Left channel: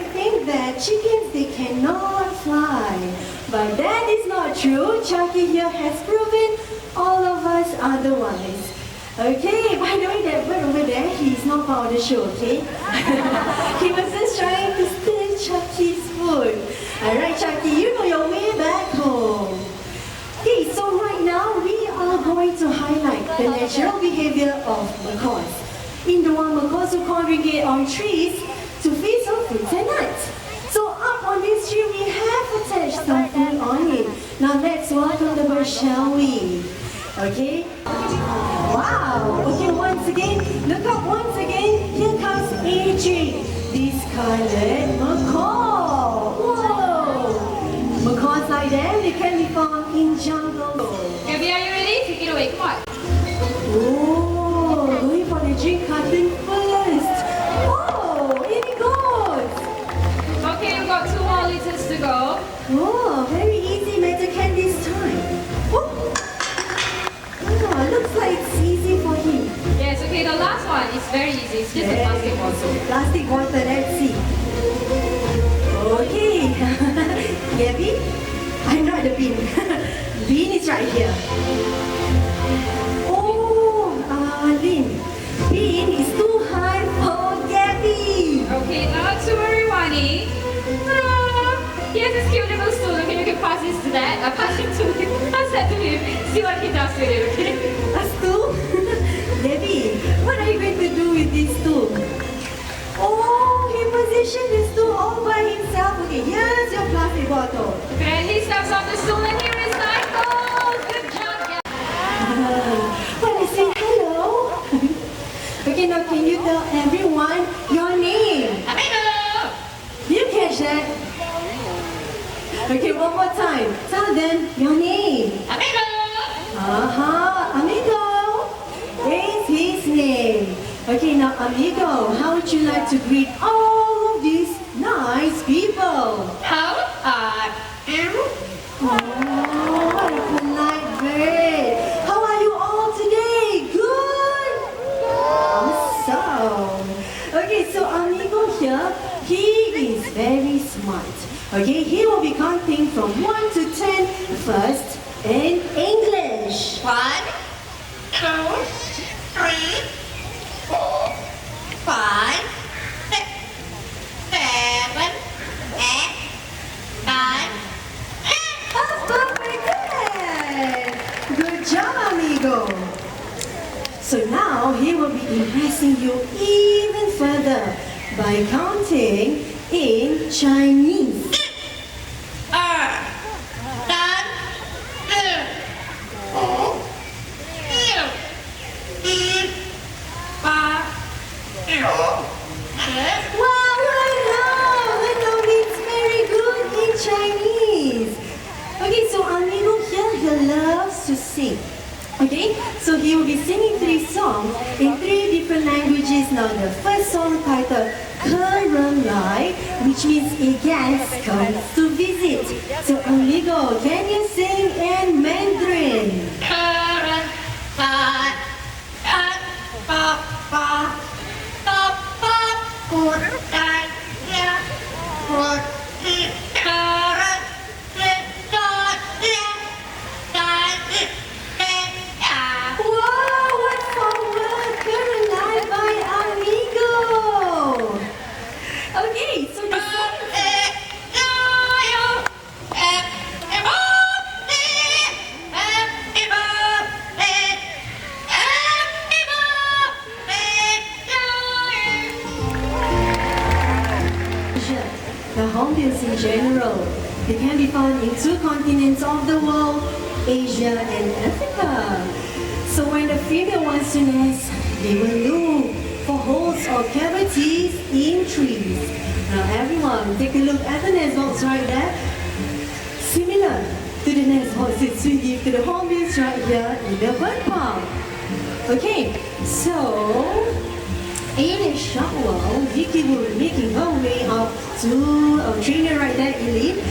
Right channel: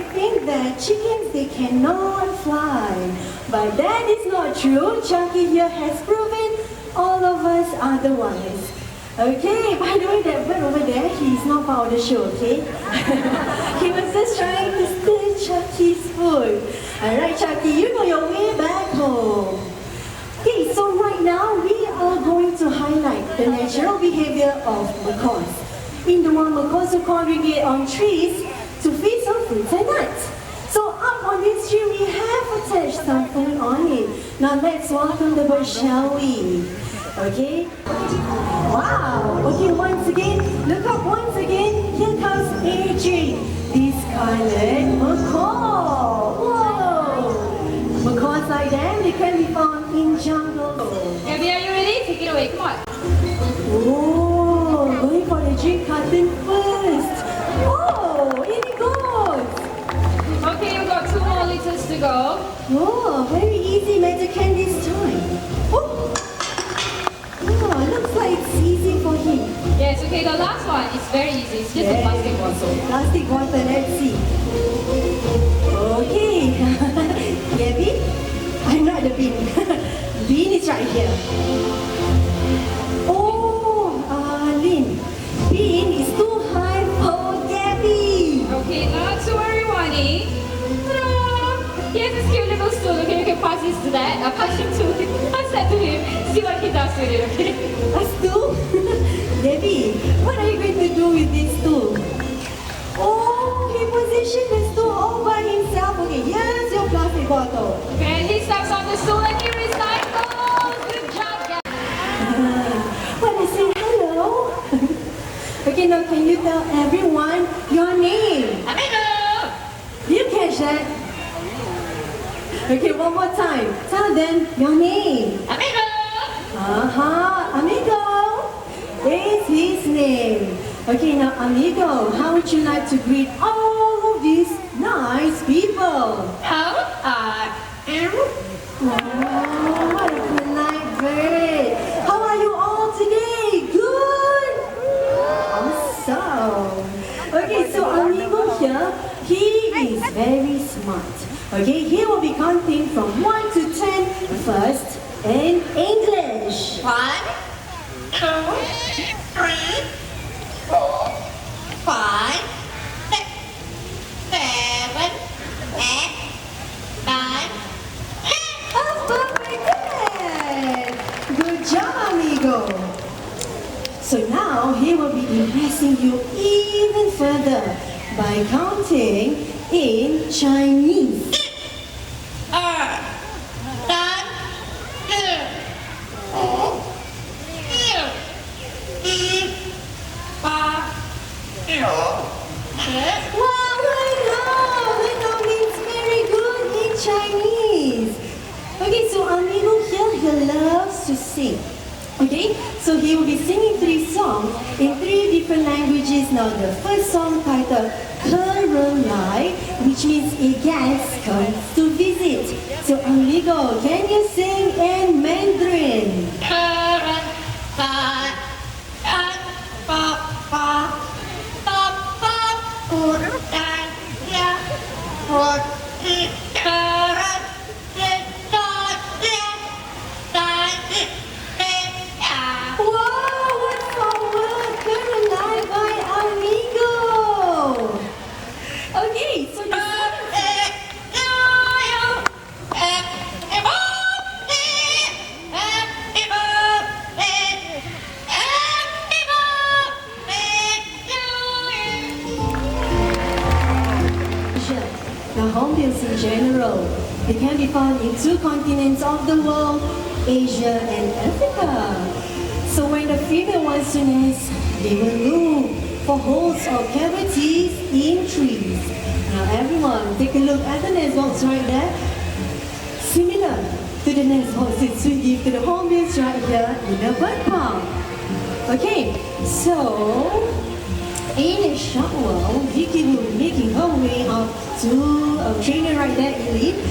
you think that chickens, they cannot fly. But that is not true. Chucky here has proven all of us otherwise. Okay, by the way, that bird over there, he's not part of the show, okay? He was just trying to steal Chucky's food. Alright, Chucky, you know your way back home. Okay, so right now we are going to highlight the natural behavior of macaws. In the wild, macaws will congregate on trees to feast on fruits and nuts. So up on this tree we have attached something on it. Now let's walk on the bird, shall we? Okay? Wow! Okay, once again, look up once again. Here comes AJ, this scarlet macaw. Whoa! Macaws like them, they can be found in jungle. Gabby, are you ready? Take it away, come on. Oh, going for the drink carton first. Oh, in it goes. Okay, we've got 2 more liters to go. Oh, very easy metal can this time. Oh, looks like it's easy for him. Yes, okay, the last one is very easy. It's just a plastic bottle. Plastic bottle, let's see. Okay. Gabby? I'm not the bean. Bean is right here. Oh, Lynn. Bean is too high for Gabby. Okay, not to worry, Wani. Here's this cute little stool, okay? You can pass this to that. Pass that to him. See what he does with it, okay? A stool? Gabby, what are you going to do with this stool? Oh, he positioned the stool all by himself. Okay, here's your plastic bottle. And he steps on the stool and he recycles. Good job, guys. Want to say hello? Okay, now can you tell everyone your name? Amigo! You catch that? Okay, one more time. Tell them your name. Amigo! Amigo is his name. Okay, now Amigo, how would you like to greet all of these nice people? How are you? Oh, what a polite bird. How are you all today? Good? Awesome. Okay, so Amigo here, he is very smart. Okay, he will be counting from 1 to 10 first in English. 1, 2, 3, 4, 5, 6, 7, 8, 9, Oh, very good. Good job, Amigo. So now he will be impressing you even further by counting in Chinese. 2, 3, 4, 5, 6, 7. Wow, that means very good in Chinese. Okay, so Amigo here, he loves to sing. Okay, so he will be singing 3 songs in 3 different languages. Now the first song titled Kerunai, which means a guest comes to visit. So Amigo, can you sing in Mandarin? Wow, what fun word! Kerunai by Amigo. Okay, so the The hornbills in general, they can be found in 2 continents of the world, Asia and Africa. So when the female wants to nest, they will look for holes or cavities in trees. Now everyone, take a look at the nest box right there. Similar to the nest boxes we give to the hornbills right here in the bird park. Okay, so in a short while, Vicky will be making her way up to a trainer right there, Elite.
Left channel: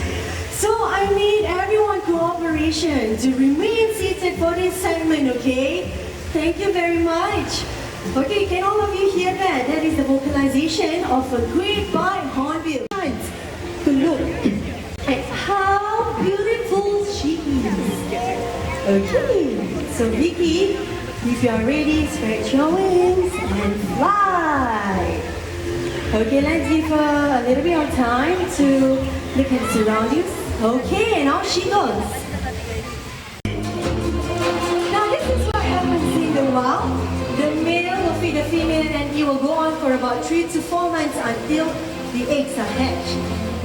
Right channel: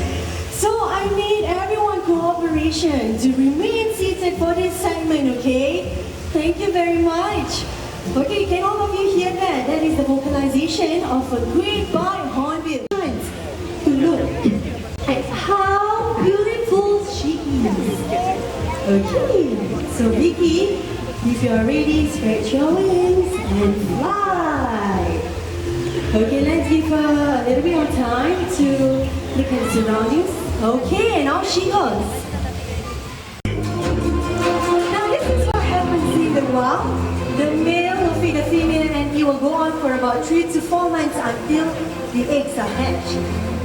So I need everyone cooperation to remain seated for this segment, okay? Thank you very much. Okay, can all of you hear that? That is the vocalization of a great by hornbill. at how beautiful she is. Okay, so Vicky, if you're ready, stretch your wings and fly. Okay, let's give her a little bit of time to look at the surroundings. Okay, and off she goes. Now this is what happens in the wild. The male will feed the female and it will go on for about 3 to 4 months until the eggs are hatched.